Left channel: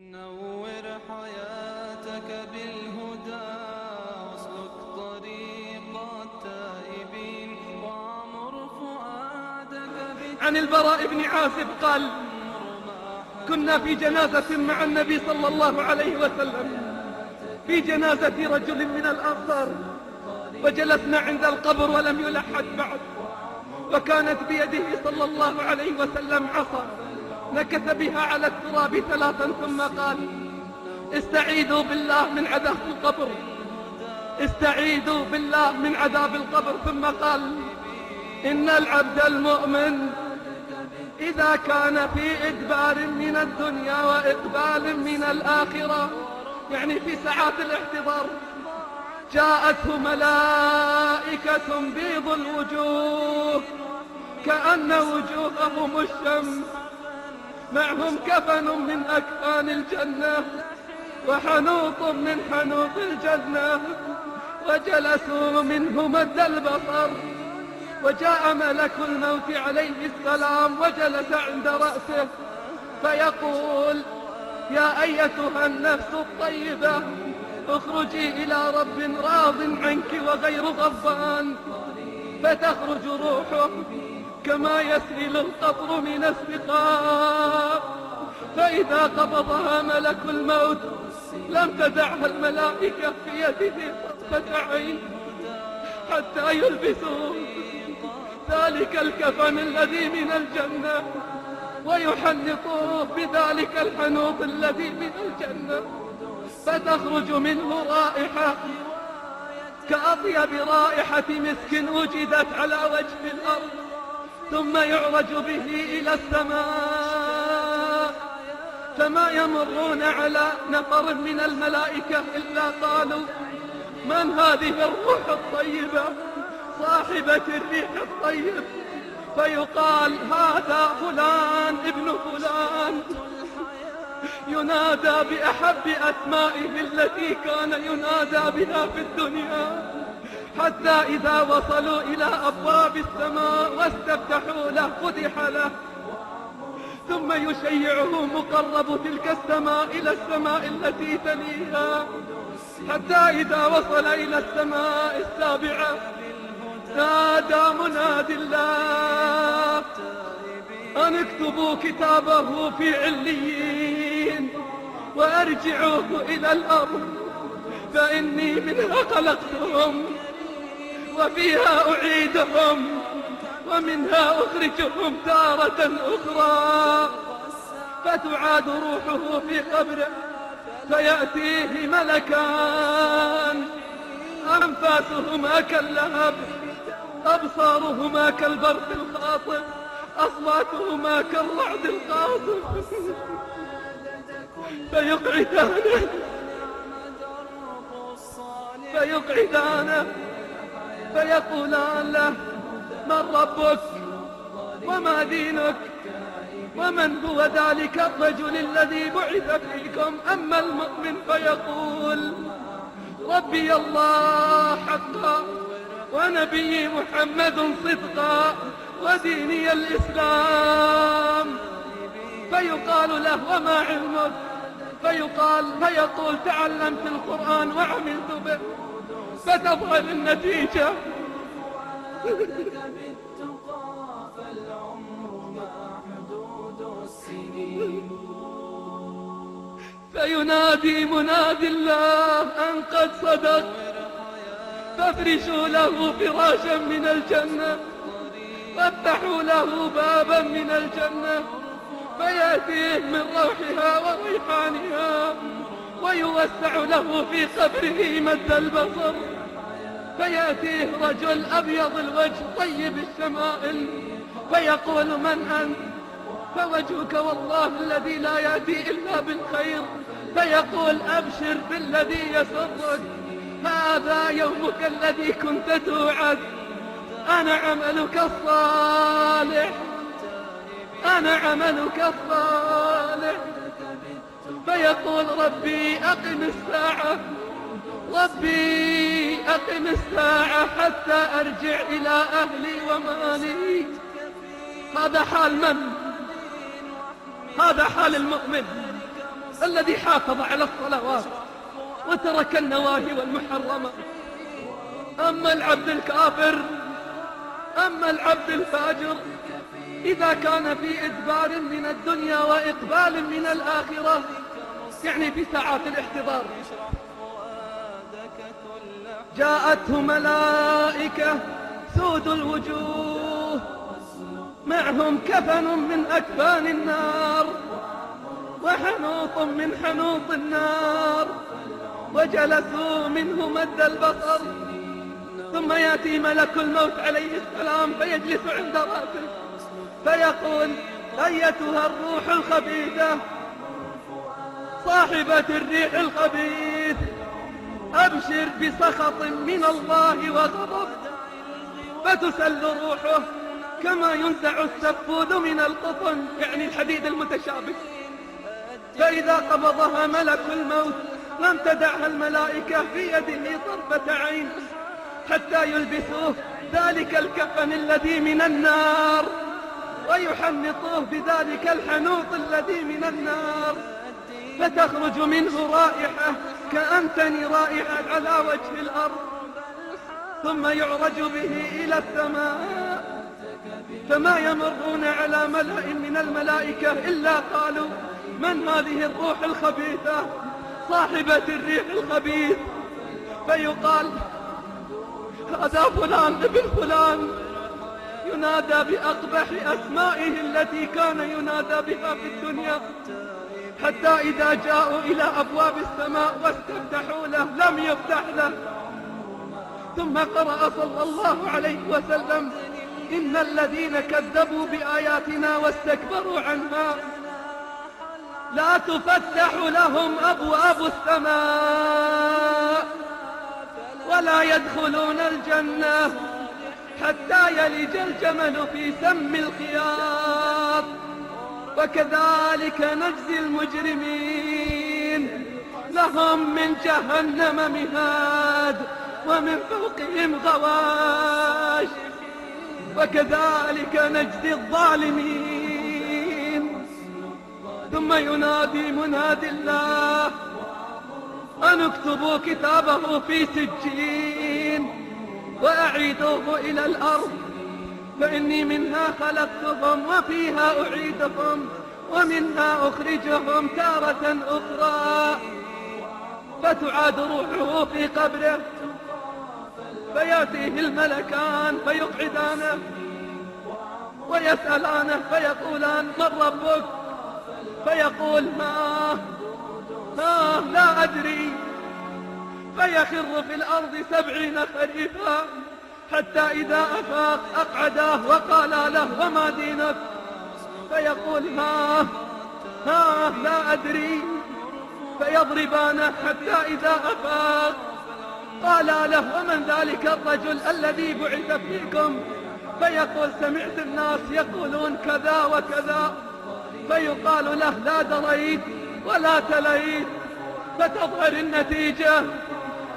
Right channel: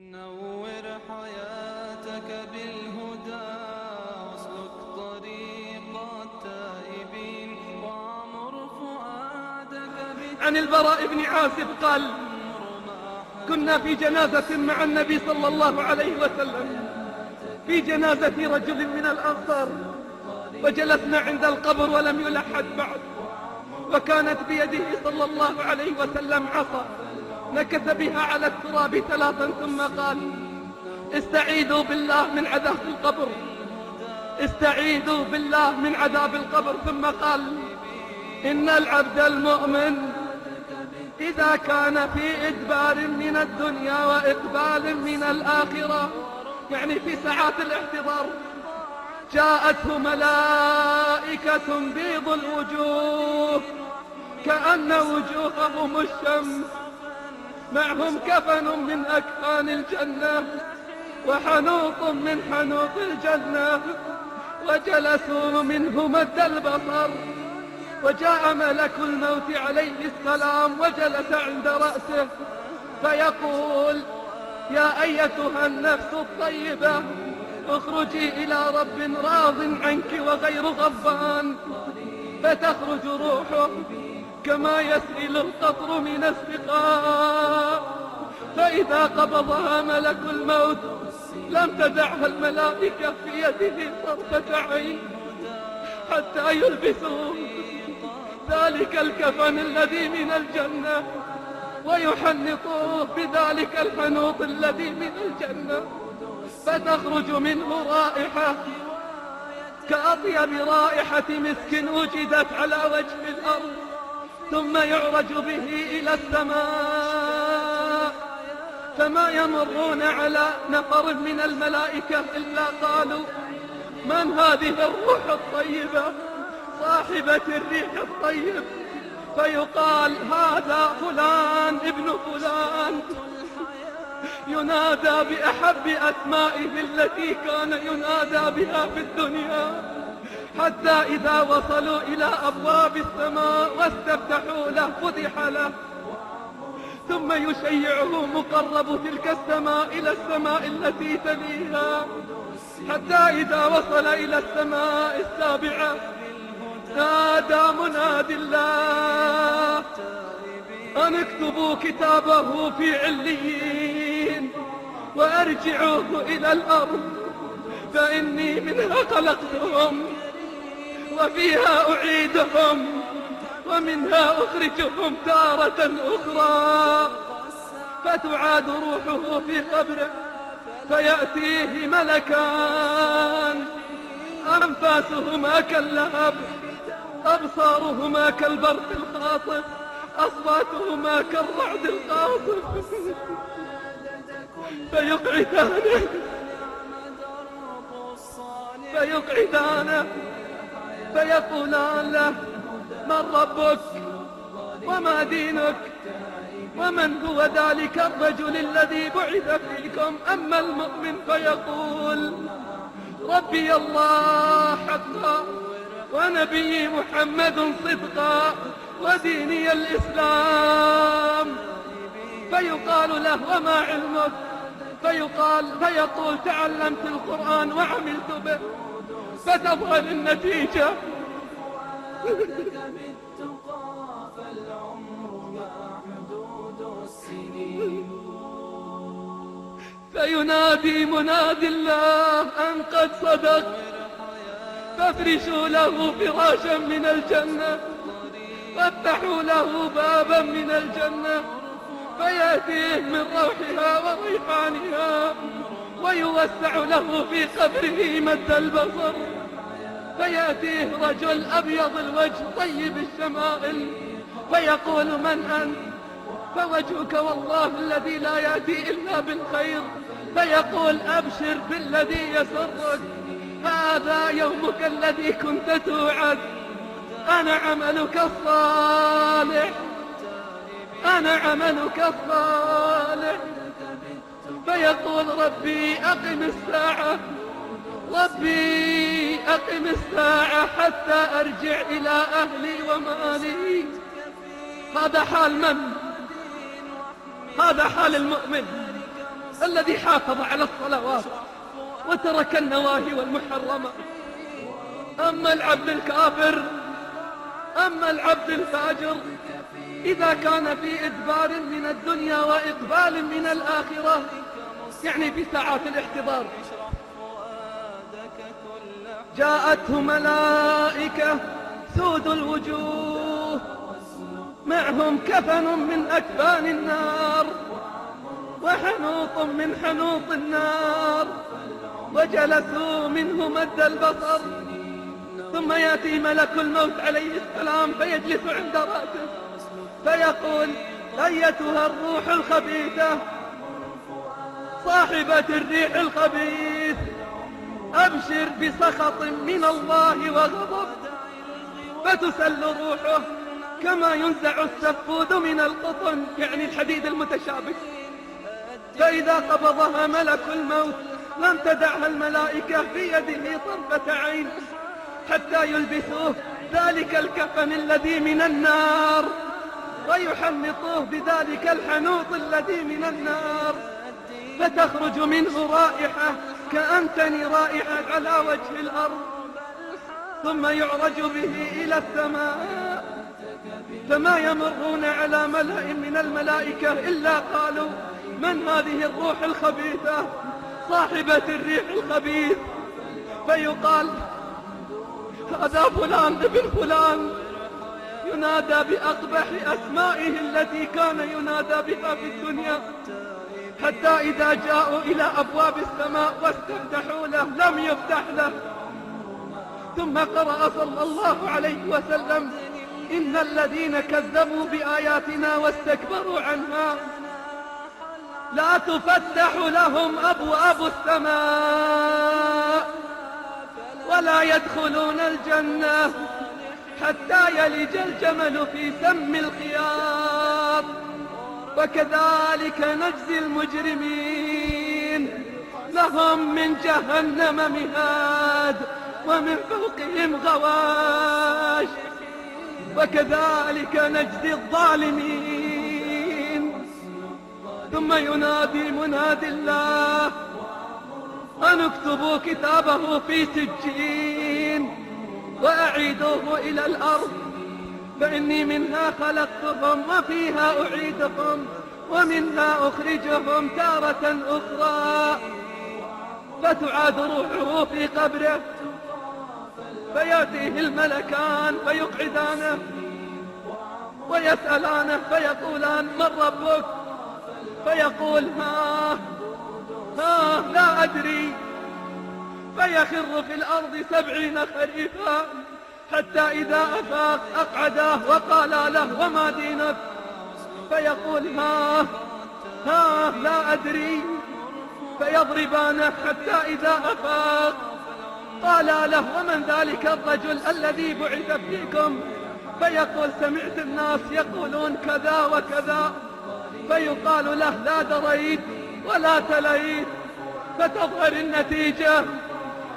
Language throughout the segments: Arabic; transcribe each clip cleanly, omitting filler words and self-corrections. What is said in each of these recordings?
نور حياتك بالهدى واسلك طريق التائبين وعمر فؤادك عن البراء بن عازب قال: كنا في جنازة مع النبي صلى الله عليه وسلم، في جنازة رجل من الأنصار، وجلسنا عند القبر ولم يلحد بعد، فكانت بيده صلى الله عليه وسلم عصا نكت بها على التراب 3 ثم قال: استعيذوا بالله من عذاب القبر، استعيذوا بالله من عذاب القبر. ثم قال: إن العبد المؤمن إذا كان في إدبار من الدنيا وإقبال من الآخرة، يعني في ساعات الاحتضار، جاءته ملائكة بيض الوجوه كأن وجوههم الشمس، معهم كفن من أكفان الجنة وحنوط من حنوط الجنة، وجلسوا منه مد البصر، وجاء ملك الموت عليه السلام وجلس عند رأسه فيقول: يا أيتها النفس الطيبة اخرجي إلى رب راض عنك وغير غضبان، فتخرج روحه كما يسيل القط من السقاء، فإذا قبضها ملك الموت لم تدعها الملائكة في يده طرفة عين حتى يلبسوا ذلك الكفن الذي من الجنة ويحنطوه بذلك الحنوط الذي من الجنة، فتخرج منه رائحة كأطيب رائحة مسك وجدت على وجه الأرض، ثم يعرج به إلى السماء، فما يمرون على نفر من الملائكة إلا قالوا: من هذه الروح الطيبة صاحبة الريح الطيب؟ فيقال: هذا فلان ابن فلان، ينادى بأحب أسمائه التي كان ينادى بها في الدنيا، حتى إذا وصلوا إلى أبواب السماء واستفتحوا له فتح له، ثم يشيعه مقرب تلك السماء إلى السماء التي تليها، حتى إذا وصل إلى السماء السابعة نادى منادي الله: أن اكتبوا كتابه في عليين وأرجعوه إلى الأرض، فإني منها خلقتهم وفيها أعيدهم ومنها أخرجهم تارة أخرى. فتعاد روحه في قبره فيأتيه ملكان أنفاسهما كاللهب، أبصارهما كالبرق الخاطف، أصواتهما كالرعد القاصف، فيقعدانه فيقولان له: من ربك وما دينك ومن هو ذلك الرجل الذي بعث فيكم؟ أما المؤمن فيقول: ربي الله حقا ونبي محمد صدقا وديني الإسلام. فيقال له: وما علمك؟ فيقول: تعلمت القرآن وعملت به. فتظهر النتيجة. فينادي منادي الله أن قد صدق، فافرشوا له فراشا من الجنة، فافتحوا له بابا من الجنة، فيأتيه من روحها وريحانها، ويوسع له في قبره مد البصر، فيأتيه رجل أبيض الوجه طيب الشمائل، فيقول: من أنت؟ فوجهك والله الذي لا يأتي إلا بالخير. فيقول: أبشر بالذي يسرك، هذا يومك الذي كنت توعد، أنا عملك الصالح، أنا عملك الصالح. فيقول: ربي أقم الساعة، ربي أقم الساعة حتى أرجع إلى أهلي ومالي. هذا حال من؟ هذا حال المؤمن الذي محرمة. أما العبد الكافر، أما العبد الفاجر، إذا كان في إدبار من الدنيا وإقبال من الآخرة، يعني في ساعات الاحتضار، جاءته ملائكة سود الوجوه معهم كفن من أكفان النار وحنوط من حنوط النار، وجلسوا منه مد البصر، ثم يأتي ملك الموت عليه السلام فيجلس عند رأسه فيقول: أيتها الروح الخبيثة صاحبة الريح الخبيث، أبشر بسخط من الله وغضب. فتسل روحه كما ينزع السفود من القطن، يعني الحديد المتشابك. فإذا قبضها ملك الموت لم تدعها الملائكة في يده طرفة عين حتى يلبسوه ذلك الكفن الذي من النار ويحمقوه بذلك الحنوط الذي من النار، فتخرج منه رائحة كأنتن رائحة على وجه الأرض، ثم يعرج به إلى السماء، فما يمرون على ملأ من الملائكة إلا قالوا: من هذه الروح الخبيثة صاحبة الريح الخبيث؟ فيقال: هذا فلان بن فلان، ينادى بأقبح أسمائه التي كان ينادى بها في الدنيا، حتى إذا جاءوا إلى أبواب السماء واستفتحوا له لم يفتح له. ثم قرأ صلى الله عليه وسلم: إن الذين كذبوا بآياتنا واستكبروا عنها لا تفتح لهم أبواب السماء ولا يدخلون الجنة حتى يلج الجمل في سم الخياط. وكذلك نجزي المجرمين، لهم من جهنم مهاد ومن فوقهم غواش، وكذلك نجزي الظالمين. ثم ينادي منادي الله: أن اكتبوا كتابه في سجين وأعيدوه إلى الأرض، فإني منها خلقتكم وفيها أعيدكم ومنها أخرجكم تارة أخرى. فتعاد روحه في قبره، فيأتيه الملكان فيقعدانه ويسألانه فيقولان: من ربك؟ فيقول: لا أدري. فيخر في الأرض 70 خريفا، حتى إذا أفاق أقعداه وقال له: وما دينك؟ فيقول: لا أدري. فيضربانه حتى إذا أفاق قال له: ومن ذلك الرجل الذي بعث فيكم؟ فيقول: سمعت الناس يقولون كذا وكذا. فيقال له: لا دريت ولا تليت. فتظهر النتيجة،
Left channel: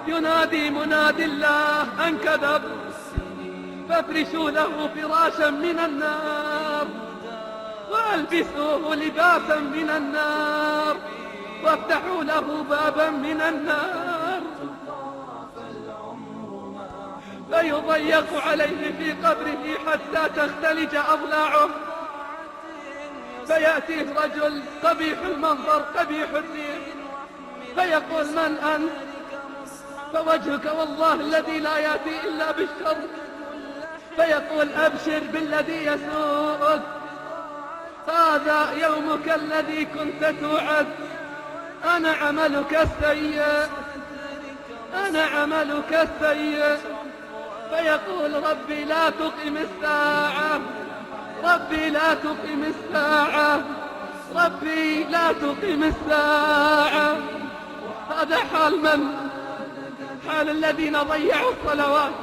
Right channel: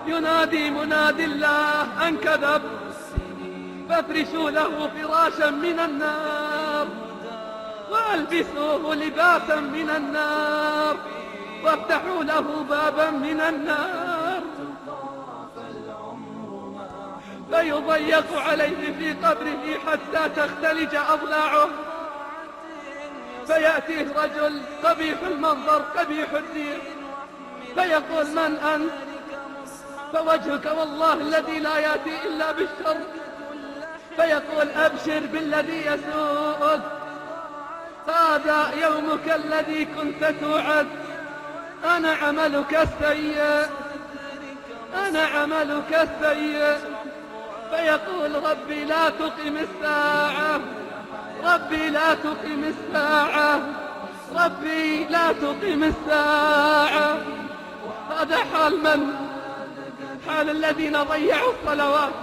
ينادي منادي الله: أن كذب، فافرشوا له فراشا من النار والبسوه لباسا من النار وافتحوا له بابا من النار، فيضيق عليه في قبره حتى تختلج أضلاعه. فيأتي رجل قبيح المنظر قبيح الدين فيقول: من أنت؟ فوجهك والله الذي لا يأتي إلا بالشر. فيقول: أبشر بالذي يسوءك، هذا يومك الذي كنت توعد، أنا عملك السيء، أنا عملك السيء. فيقول: ربي لا تقم الساعة، ربي لا تقم الساعة، ربي لا تقم الساعة. هذا حال من؟ حال الذين ضيعوا الصلوات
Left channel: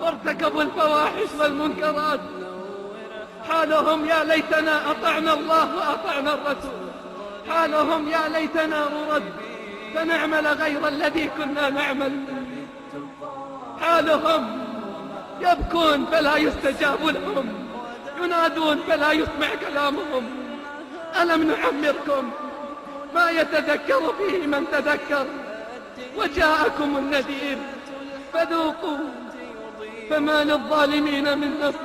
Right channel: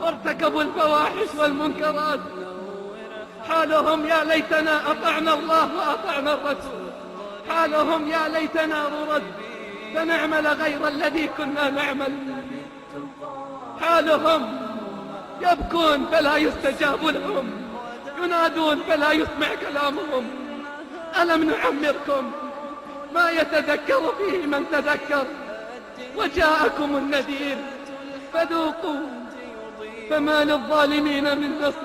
وارتكبوا الفواحش والمنكرات. حالهم: يا ليتنا أطعنا الله وأطعنا الرسول. حالهم: يا ليتنا نرد فنعمل غير الذي كنا نعمل. حالهم: يبكون فلا يستجاب لهم، ينادون فلا يسمع كلامهم. ألم نعمركم ما يتذكر فيه من تذكر وجاءكم جاءكم النذير فذوقوا فما للظالمين من نصير.